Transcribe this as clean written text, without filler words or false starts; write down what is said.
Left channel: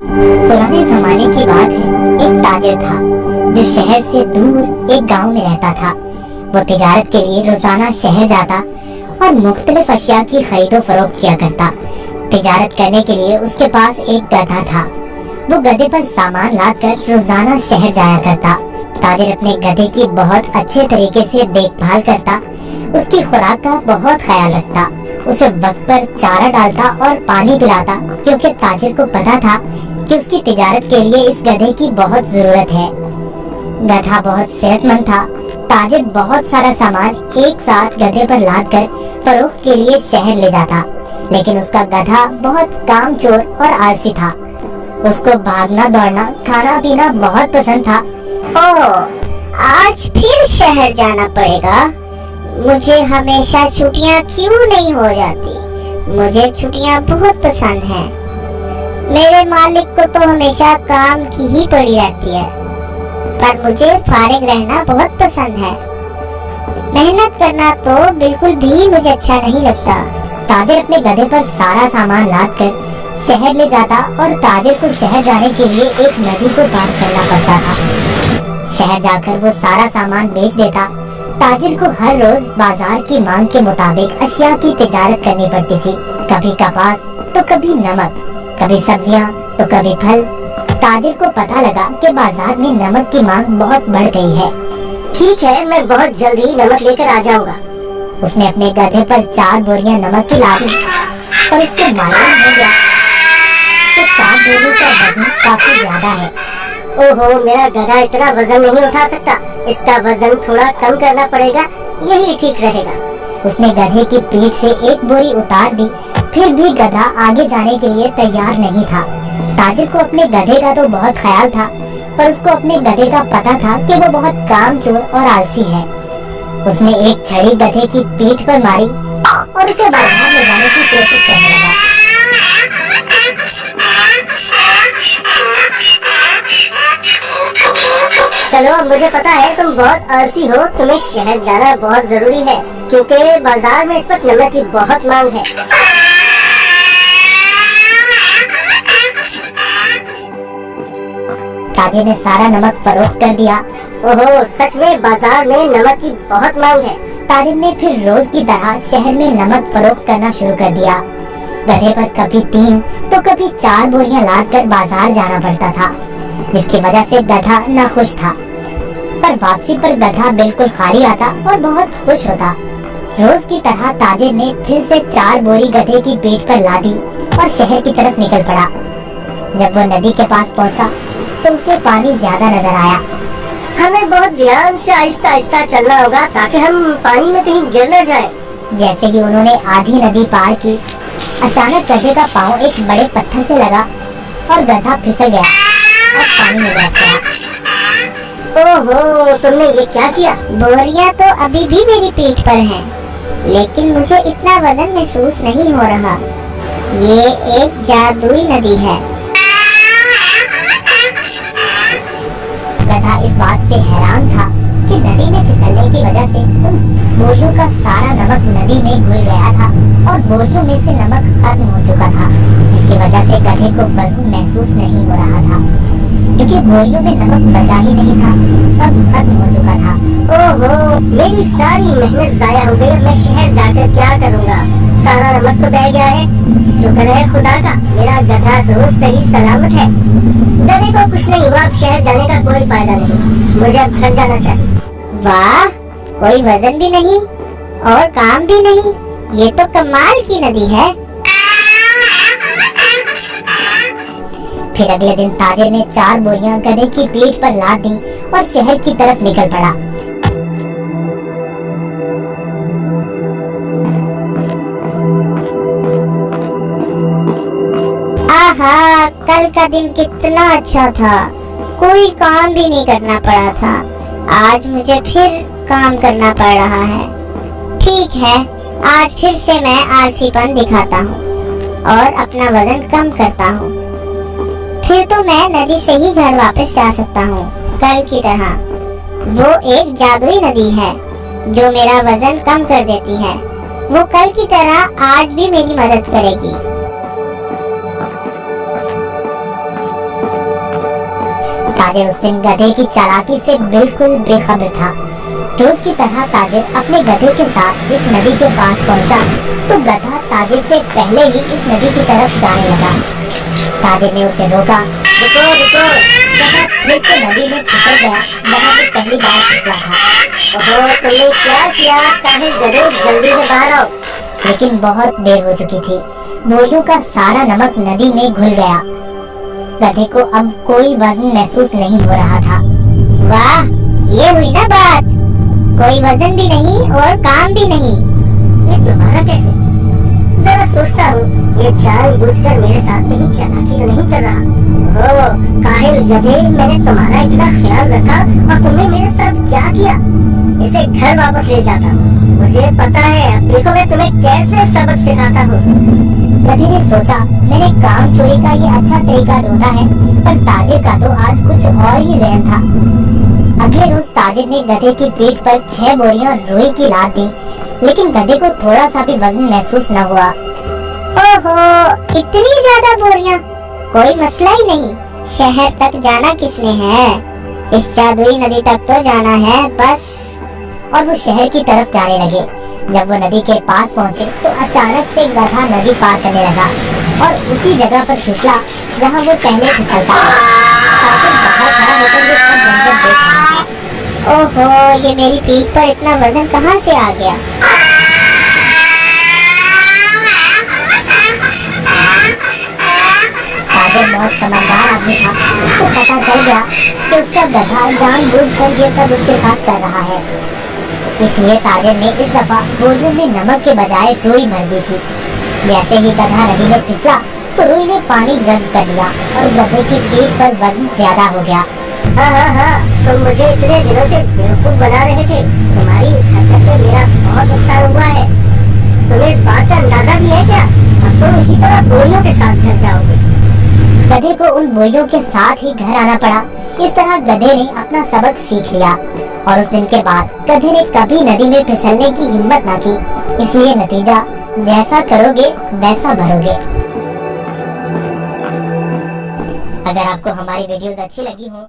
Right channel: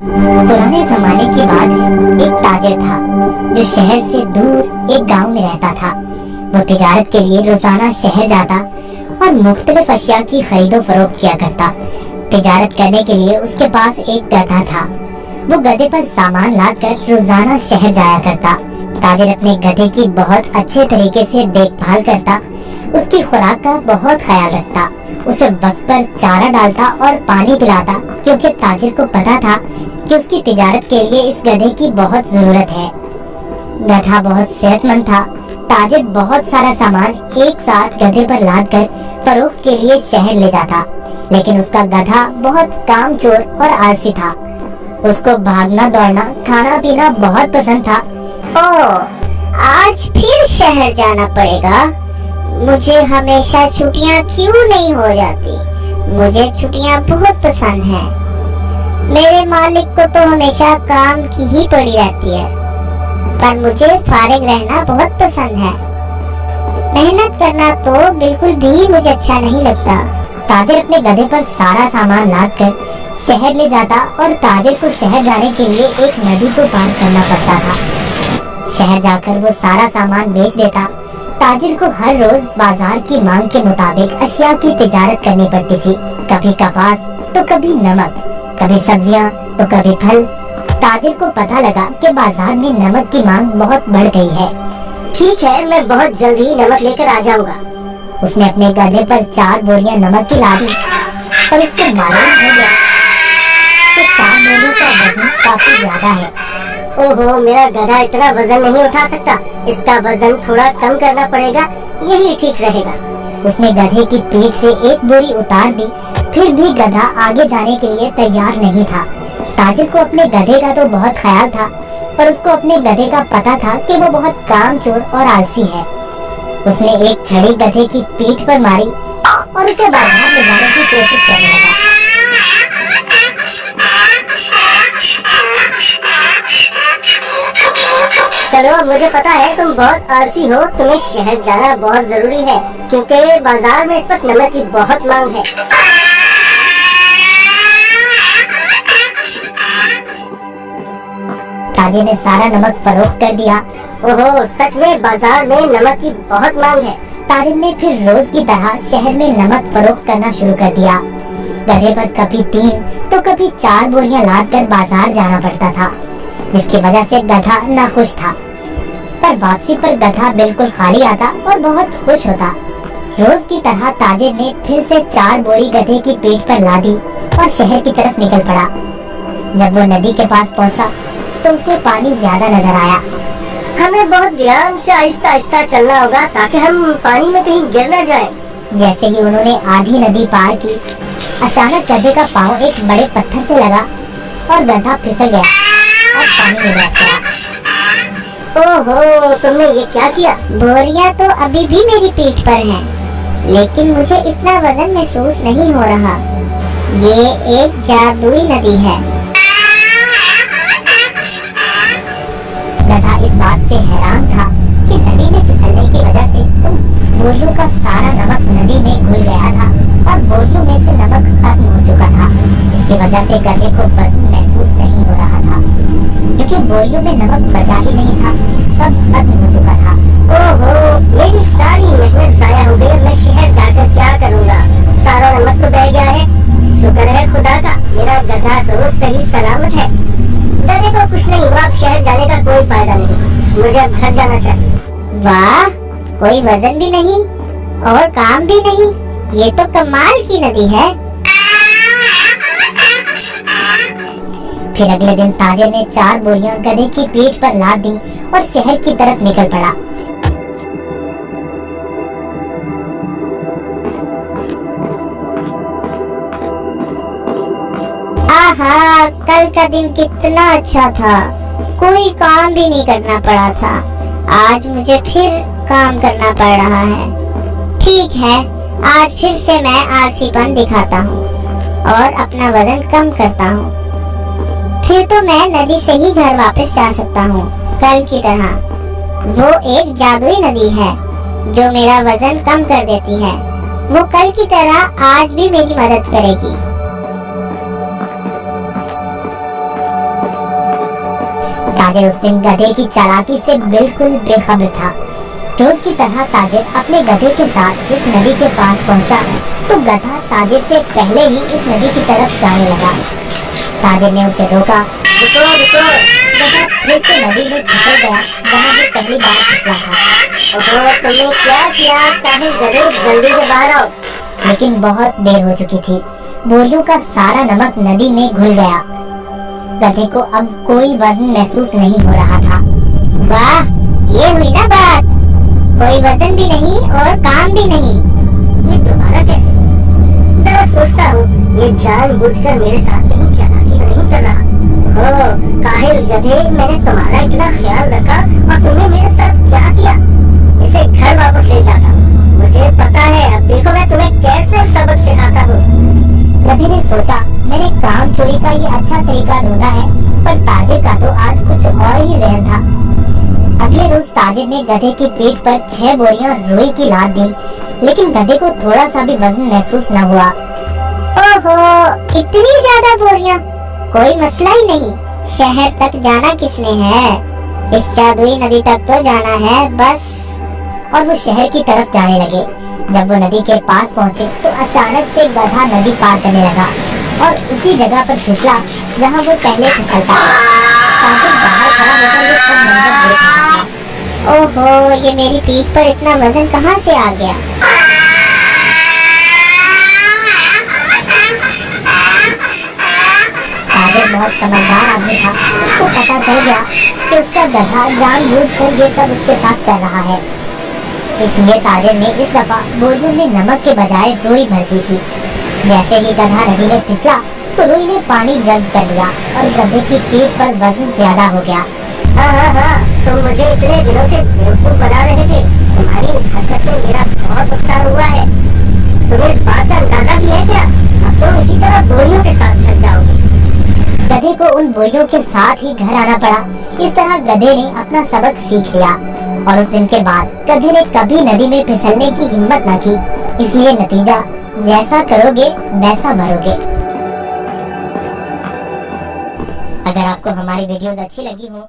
पुराने जमाने की बात है। एक ताजिर था जो शहर से दूर एक गांव में रहता था। वो तिजारत के लिए रोजाना शहर जाता और मुख्तलिफ अशिया की खरीदो फरोख्त किया करता। तिजारत करने के लिए उसके पास एक गधा था। वो गधे पर सामान लादकर रोजाना शहर जाया करता। ताजिर अपने गधे की बहुत अच्छे तरीके से देखभाल करता, उसकी खुराक का बहुत ख्याल रखता, उसे वक्त पर चारा डालता और पानी पिलाता, क्योंकि ताजिर को पता था कि उसकी तिजारत के लिए इस गधे की बहुत जरूरत है। गधा बहुत सेहतमंद था। ताजिर बहुत सारा सामान एक साथ गधे पर लादकर फरोख्त के लिए शहर ले जाता, लेकिन उसका गधा बहुत कामचोर और आलसी था। उसको भागना दौड़ना खाना पीना बहुत पसंद था। आज फिर शहर जाना पड़ेगा। मुझे हमेशा छुट्टियां क्यों नहीं हो जाती? मुझे छुट्टियां बहुत पसंद हैं। मेरे मालिक को तो हमेशा काम की ही पड़ी रहती है, पर मुझे फारिग रहना बहुत पसंद है। मेहनत करना तो बिल्कुल भी मुझे अच्छा नहीं लगता। ताजिर अपने गधे पर सारा सामान लादकर शहर ले जाता और ताजिर को शहर जाने के लिए एक नदी को पार करना पड़ता था। शहर जाकर वो सारा सामान बेच देता। ताजिर को हर रोज बाजार की मांग के मुताबिक अशिया की तिजारत करनी पड़ती थी। कभी कपास तो कभी नमक, कभी सब्जियां तो कभी फल। ताजिर को पता लगा कि बाजार में नमक की मांग बहुत बढ़ गई है। ठीक है, मैं बहुत जल्दी ही नमक लेकर आ जाऊंगा। उसने अपने गधे पर 4 बोरियां नमक की ला दी, पर उसको मालूम हो गया कि 4 बोरियों का वजन काफी ज्यादा है। ओहो, मेरा गधा इतना वजन नहीं उठा सकता। इसका वजन थोड़ा कम करना पड़ेगा, यही ठीक रहेगा। उसने गधे की पीठ से एक बोरी उतार दी, फिर भी गधा आगे जाने के लिए तैयार नहीं था। ताजिर को अपने गधे का तो बहुत ख्याल था, पर उसको अपने गधे का पता था कि वो बहुत कामचोर और आलसी है। उसने एक छड़ी गधे की पीठ पर मारी और उसे बाजार ले जाने की कोशिश करने लगा। चलो, अब मुझे पता है तुम बहुत आलसी हो। तुम्हें शहर जाना बहुत जरूरी है, क्योंकि बाजार में इस वक्त नमक की बहुत मांग है। ताजिर ने सारा नमक फरोख्त कर दिया। ओहो, सच में बाजार में नमक की बहुत मांग है। ताजिर ने फिर रोज की तरह शहर में नमक फरोख्त करना शुरू कर दिया। गधे पर कभी 3 तो कभी 4 बोरियां लादकर बाजार जाना पड़ता था, जिसकी वजह से गधा नाखुश था। पर वापसी पर गधा बिल्कुल खाली आता और बहुत खुश होता। रोज की तरह ताजिर ने फिर से 4 बोरी गधे की पीठ पर लादी और शहर की तरफ निकल पड़ा। जब वो नदी के पास पहुंचा तो उसे पानी ज्यादा नजर आया। हमें बहुत ध्यान से आहिस्ता आहिस्ता चलना होगा, ताकि हम पानी में कहीं गिर न जाएं। जैसे ही उन्होंने आधी नदी पार की, अचानक गधे का पाँव एक बड़े पत्थर से लगा और गधा फिसल गया और पानी में बैठ गया। ओहो, तुमने ये क्या किया? बोरियां तो अभी भी मेरी पीठ पर हैं, लेकिन मुझे इतना वजन महसूस नहीं हो रहा। ये एक जादुई नदी है। गधा इस बात से हैरान था कि नदी में फिसलने की वजह से उन बोरियों का सारा नमक नदी में घुल गया था और बोरियों में से नमक खत्म हो चुका था, जिसकी वजह से गधे को वजन महसूस नहीं हो रहा था, क्योंकि बोरियों में नमक बचा ही नहीं था, सब खत्म हो चुका था। ओहो, मेरी सारी मेहनत जाया हो गई। मैं शहर जाकर क्या करूँगा? सारा नमक तो बह गया है। शुक्र है खुदा का, मेरा गधा तो सही सलामत है। गधे को कुछ नहीं हुआ। अब शहर जाने का कोई फायदा नहीं, मुझे अब घर जाना चाहिए। वाह, कोई वजन भी नहीं और काम भी नहीं। ये तो कमाल की नदी है। फिर अगले दिन ताजिर ने 4 बोरियां गधे की पीठ पर लाद दी और शहर की तरफ निकल पड़ा। आहा, कल का दिन कितना अच्छा था। कोई काम भी नहीं करना पड़ा था। आज मुझे फिर काम करना पड़ रहा है। ठीक है, आज फिर से मैं आलसीपन दिखाता हूँ और अपना वजन कम करता हूँ। फिर तो मैं नदी से ही घर वापस जा सकता हूँ, कल की तरह। वो एक जादुई नदी है जो मेरा वजन कम कर देती है। वो कल की तरह आज भी मेरी मदद करेगी। ताजिर उस दिन गधे की चालाकी से बिल्कुल बेखबर था। रोज की तरह ताजिर अपने गधे के साथ इस नदी के पास पहुंचा तो गधा ताजिर से पहले ही इस नदी की तरफ जाने लगा। ताजिर ने उसे रोका। रुको रुको। गधा फिर से नदी में फिसल गया जहाँ वो पहली बार फिसला था। ओहो, तुमने क्या किया? ताहिर गधे, जल्दी से बाहर आओ। लेकिन बहुत देर हो चुकी थी। बोरियों का सारा नमक नदी में घुल गया। गधे को अब कोई वजन महसूस नहीं हो रहा था। वाह, ये हुई ना बात। कोई वजन भी नहीं और काम भी नहीं। ये दोबारा कैसे? जरा सोचता हूँ, ये जानबूझकर मेरे साथ कहीं चालाकी तो नहीं कर रहा। ओह काहिल गधे, मैंने तुम्हारा इतना ख्याल रखा और तुमने मेरे साथ क्या किया? इसे घर वापस ले जाता हूँ। मुझे पता है, अब देखो मैं तुम्हें कैसे सबक सिखाता हूँ। गधे ने सोचा, मैंने काम चोरी का ये अच्छा तरीका ढूंढा है, पर ताजिर का तो आज कुछ और ही ज़हन था। अगले रोज ताजिर ने गधे की पीठ पर 6 बोरियां रुई की लाद दी, लेकिन गधे को थोड़ा सा भी वजन महसूस न हुआ। ओहो, इतनी ज्यादा बोरियां? कोई मसला ही नहीं। शहर तक जाना किसने है? इस जादुई नदी तक तो जाना है बस। और वो शहर की तरफ जाने लगे। जब वो नदी के पास पहुंचे तो अचानक से गधा नदी पार करने लगा और उसी जगह पर फिसला जहां वो पहले फिसलता था। ताजिर बाहर खड़ा होकर ये सब मंजर देख रहा था। ओहो, ये मेरी पीठ पर इतना वजन कहाँ से आ गया? ताजिर बहुत समझदार आदमी था। उसको पता चल गया कि उसका गधा जानबूझकर ये सब उसके साथ कर रहा है। इसलिए ताजिर ने इस दफा बोरियों में नमक के बजाय रुई भर दी थी। जैसे ही गधा नदी में फिसला तो रुई ने पानी जब्त कर लिया और गधे की पीठ पर वजन ज्यादा हो गया। हाँ, तुम मुझे इतने दिनों से बेवकूफ बना रहे थे। तुम्हारी इस हरकत से मेरा बहुत नुकसान हुआ है। तुम्हें इस बात का अंदाजा भी है क्या? अब तुम इसी तरह बोरियों के साथ घर जाओगे। गधे को उन बोरियों के साथ ही घर आना पड़ा। इस तरह गधे ने अपना सबक सीख लिया और उस दिन के बाद गधे ने कभी नदी में फिसलने की हिम्मत ना की। इसलिए नतीजा, जैसा करोगे वैसा भरोगे। अगर आपको हमारी वीडियोस अच्छी लगी हो